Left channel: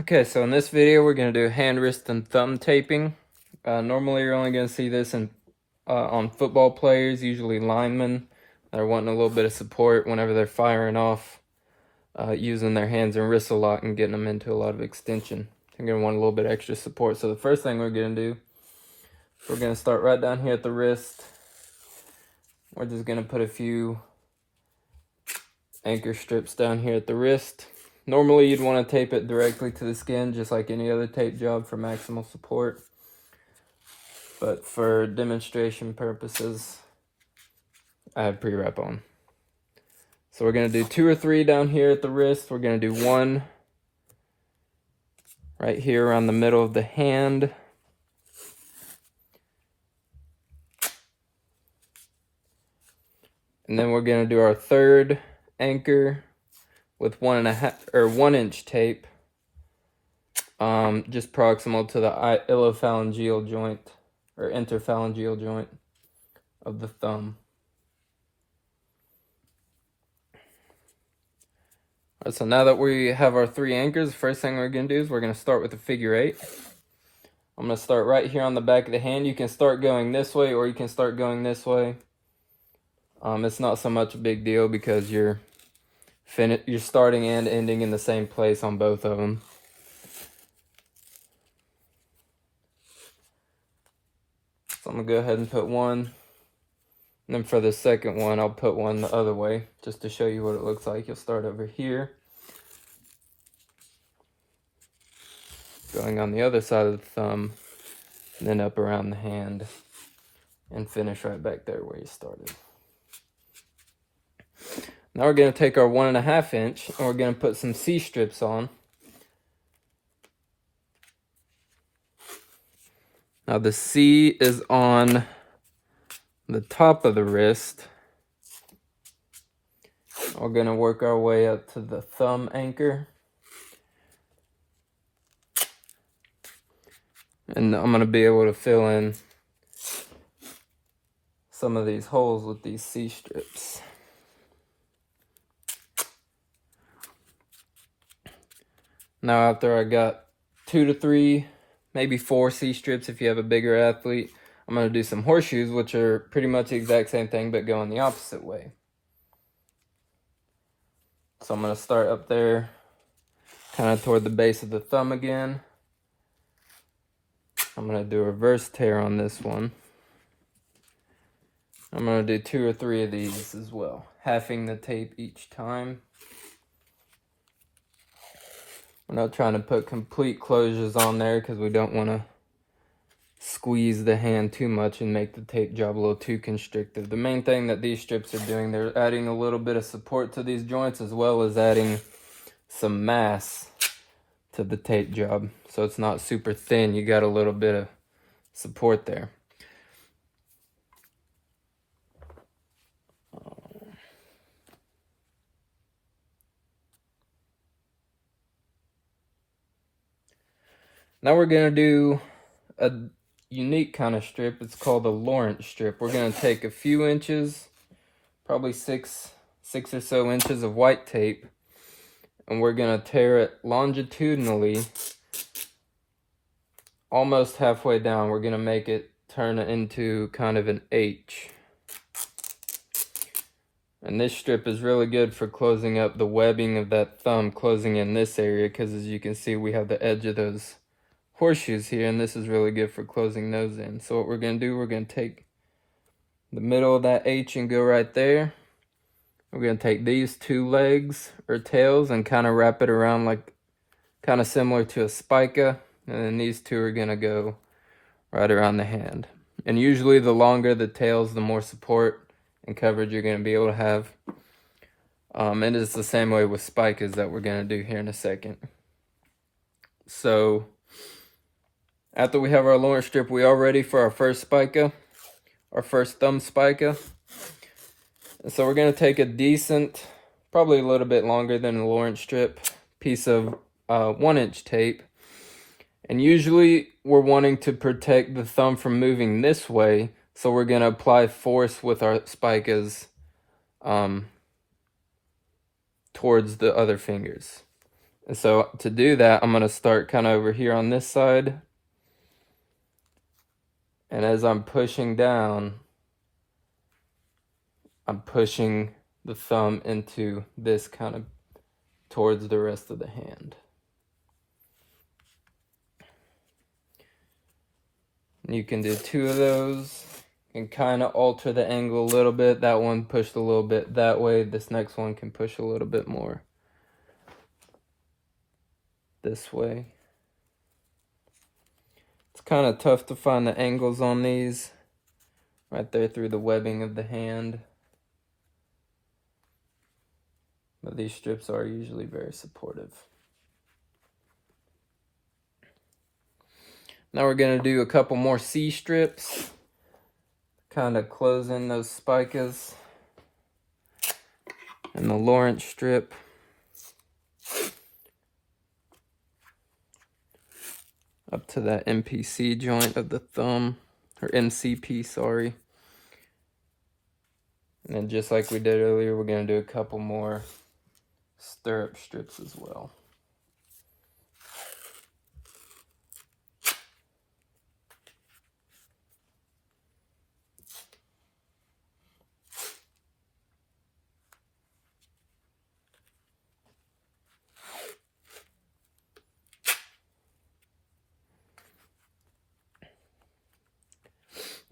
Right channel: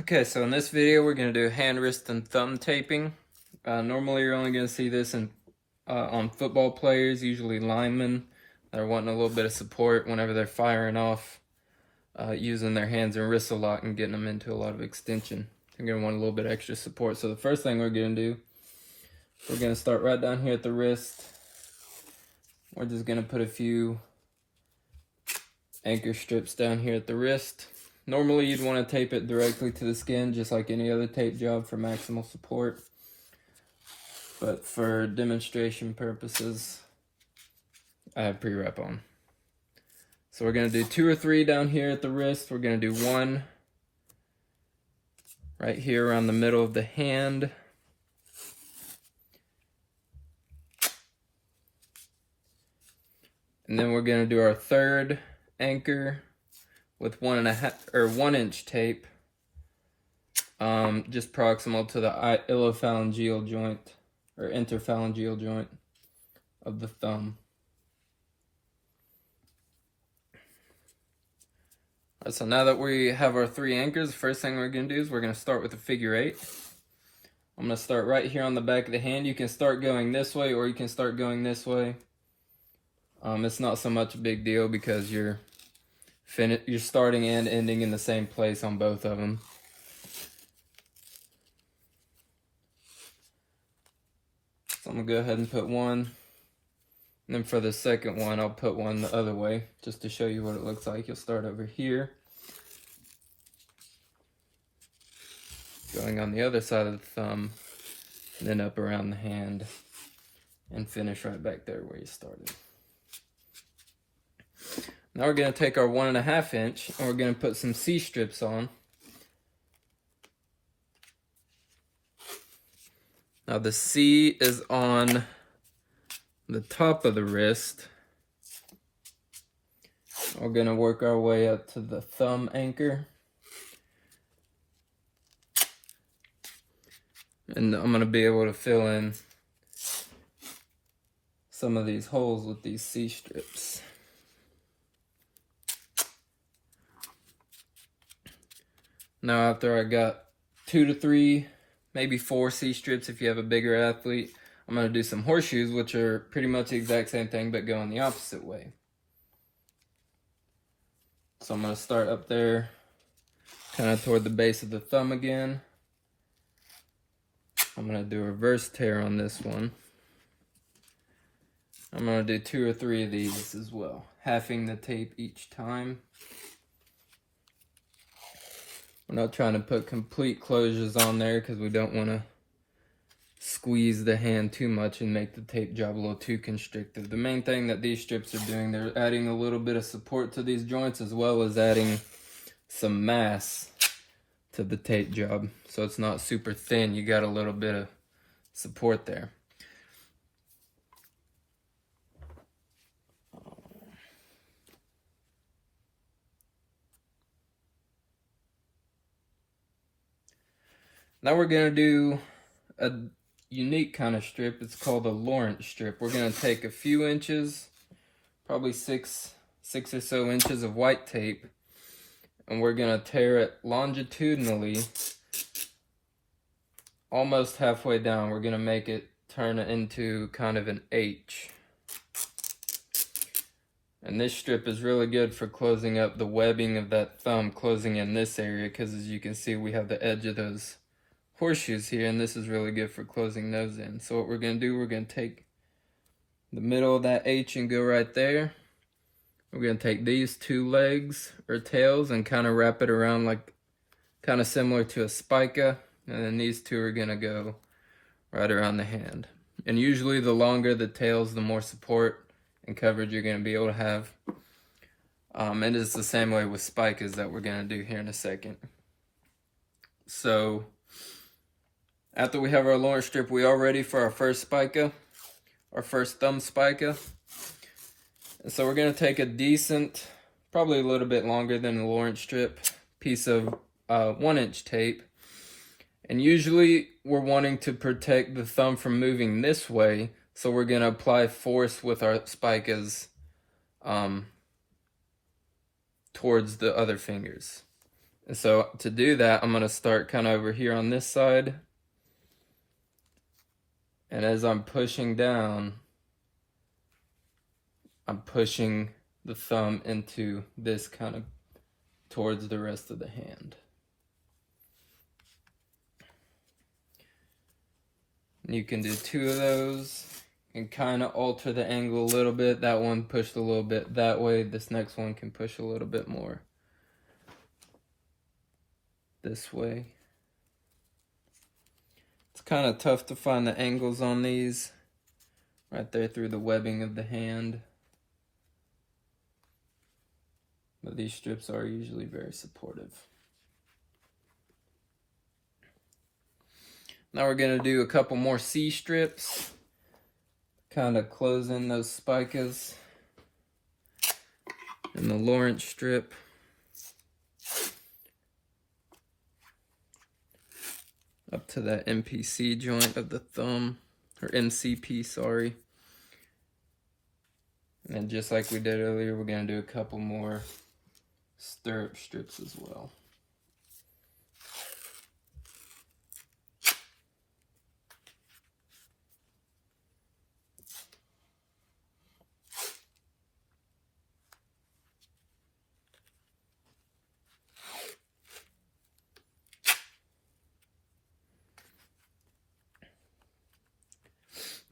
Okay, so in this video we're going to do hand, wrist, and thumb taping. Normally you're only going to see this on football players, usually linemen. They're wanting a little bit of support whenever they're firing off, using their hands and wrists a lot and getting them into a lot of extension. They're going to want a little bit extra support. So the first thing we're going to do, we're going to start right down here at the wrist. We're just going to put a few anchor strips down here at the wrist. Normally you'd want to tape it directly to the skin, just like any other tape job for maximal support. But for demonstration purposes, I have pre-wrap on. So we're going to do 2 or 3 down here at the wrist. We're going to do 1 right here around the middle of the hand. And then we're going to do our third anchor with 1 inch tape, just proximal to the ilophalangeal joint or interphalangeal joint of the thumb. Right, so now that we have our 3 anchors, the first thing we're going to do is we're going to start with a figure 8. I'm going to start right here on the back of the hand. You can start going this way or you can start going this way. It's not so much a big deal because you're starting and ending in the same place on both of them. So I'm going to go ahead and put 1. And then for the second one, I'll put 1 the other way just to show you what it looks like. You'll start over here, going on the other side of the thumb, and then up around the hand, and finish right back there where you started. Now we're going to take our 1.5 inch and we're going to put some C strips on. Now the C is on the top of the wrist. We're going to work our way up to the thumb anchor. And I'm going to be able to fill in some of these holes with these C strips. Now after I got 2 to 3, maybe 4 C strips if you have a bigger athlete, I'm going to do some horseshoes, which are pretty much the exact same thing but going the opposite way. So I'm going to start up there, kind of toward the base of the thumb again. I'm going to do a reverse tear on this one. I'm going to do 2 or 3 of these as well, halving the tape each time. We're not trying to put complete closures on there because we don't want to squeeze the hand too much and make the tape job a little too constrictive. The main thing that these strips are doing, they're adding a little bit of support to these joints as well as adding some mass to the tape job. So it's not super thin, you got a little bit of support there. Now we're going to do a unique kind of strip. It's called a Lawrence strip. We're going to take a few inches, probably 6 or so inches of white tape, and we're going to tear it longitudinally almost halfway down. We're going to make it turn into kind of an H. And this strip is really good for closing up the webbing of that thumb, closing in this area, because as you can see we have the edge of those horseshoes here, and this is really good for closing those in. So what we're going to do, we're going to take the middle of that H and go right there. We're going to take these 2 legs or tails and kind of wrap it around like kind of similar to a spica, and then these 2 are going to go right around the hand. And usually the longer the tails, the more support and coverage you're going to be able to have. And it's the same way with spicas that we're going to do here in a second. So after we have our Lawrence strip, we are ready for our first spica, our first thumb spica. And so we're going to take a decent, probably a little bit longer than a Lawrence strip, piece of 1 inch tape. And usually we're wanting to protect the thumb from moving this way, so we're going to apply force with our spicas towards the other fingers. And so to do that, I'm going to start kind of over here on this side. And as I'm pushing down, I'm pushing the thumb into this kind of towards the rest of the hand. And you can do 2 of those and kind of alter the angle a little bit. That one pushed a little bit that way. This next one can push a little bit more this way. It's kind of tough to find the angles on these right there through the webbing of the hand. But these strips are usually very supportive. Now we're going to do a couple more C strips, kind of close in those spicas and the Lawrence strip. Up to that MPC joint of the thumb, or MCP, sorry. And just like we did earlier, we're going to do a couple more stirrup strips as well.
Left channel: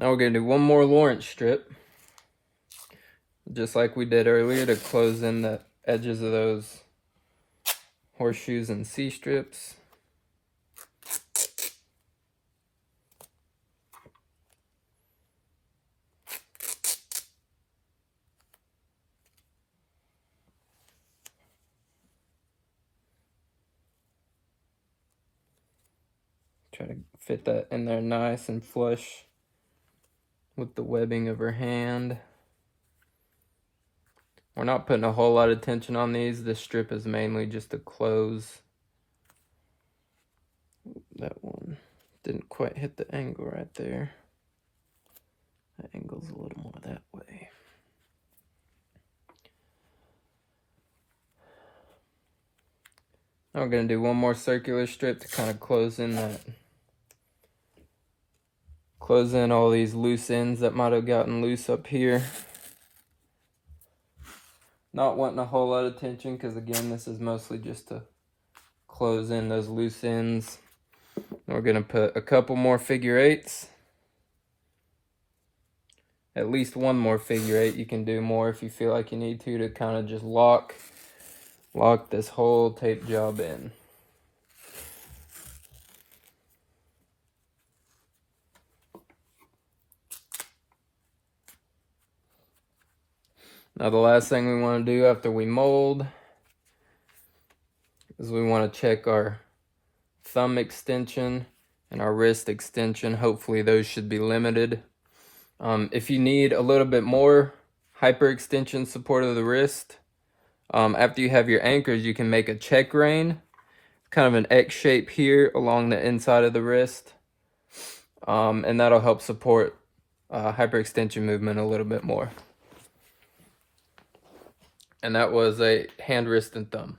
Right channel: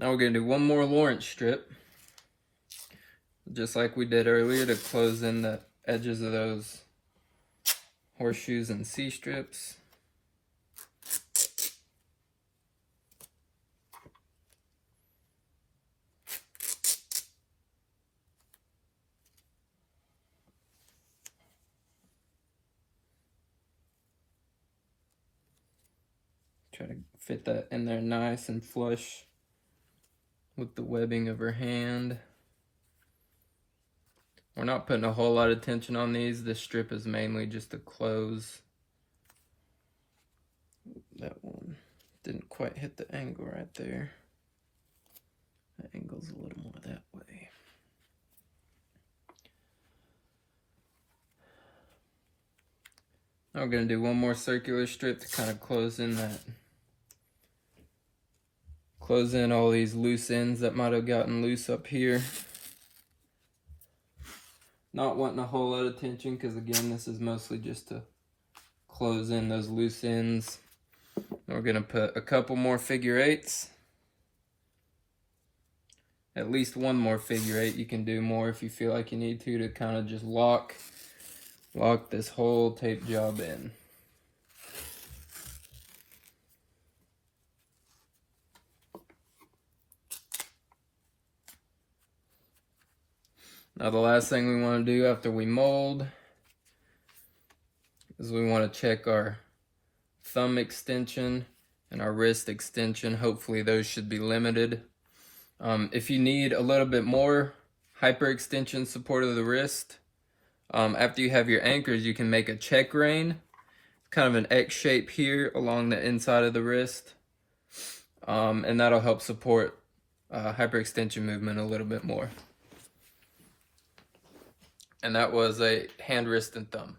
Now we're going to do one more Lawrence strip, just like we did earlier, to close in the edges of those horseshoes and C strips. Try to fit that in there nice and flush with the webbing of her hand. We're not putting a whole lot of tension on these. This strip is mainly just to close. That one didn't quite hit the angle right there. That angle's a little more that way. Now we're going to do one more circular strip to kind of close in that. Close in all these loose ends that might have gotten loose up here. Not wanting a whole lot of tension because, again, this is mostly just to close in those loose ends. We're going to put a couple more figure eights. At least one more figure eight. You can do more if you feel like you need to kind of just lock this whole tape job in. Now the last thing we want to do after we mold is we want to check our thumb extension and our wrist extension. Hopefully those should be limited. If you need a little bit more hyperextension support of the wrist, after you have your anchors, you can make a check rein, kind of an X shape here along the inside of the wrist, and that'll help support hyperextension movement a little bit more. And that was a hand, wrist, and thumb.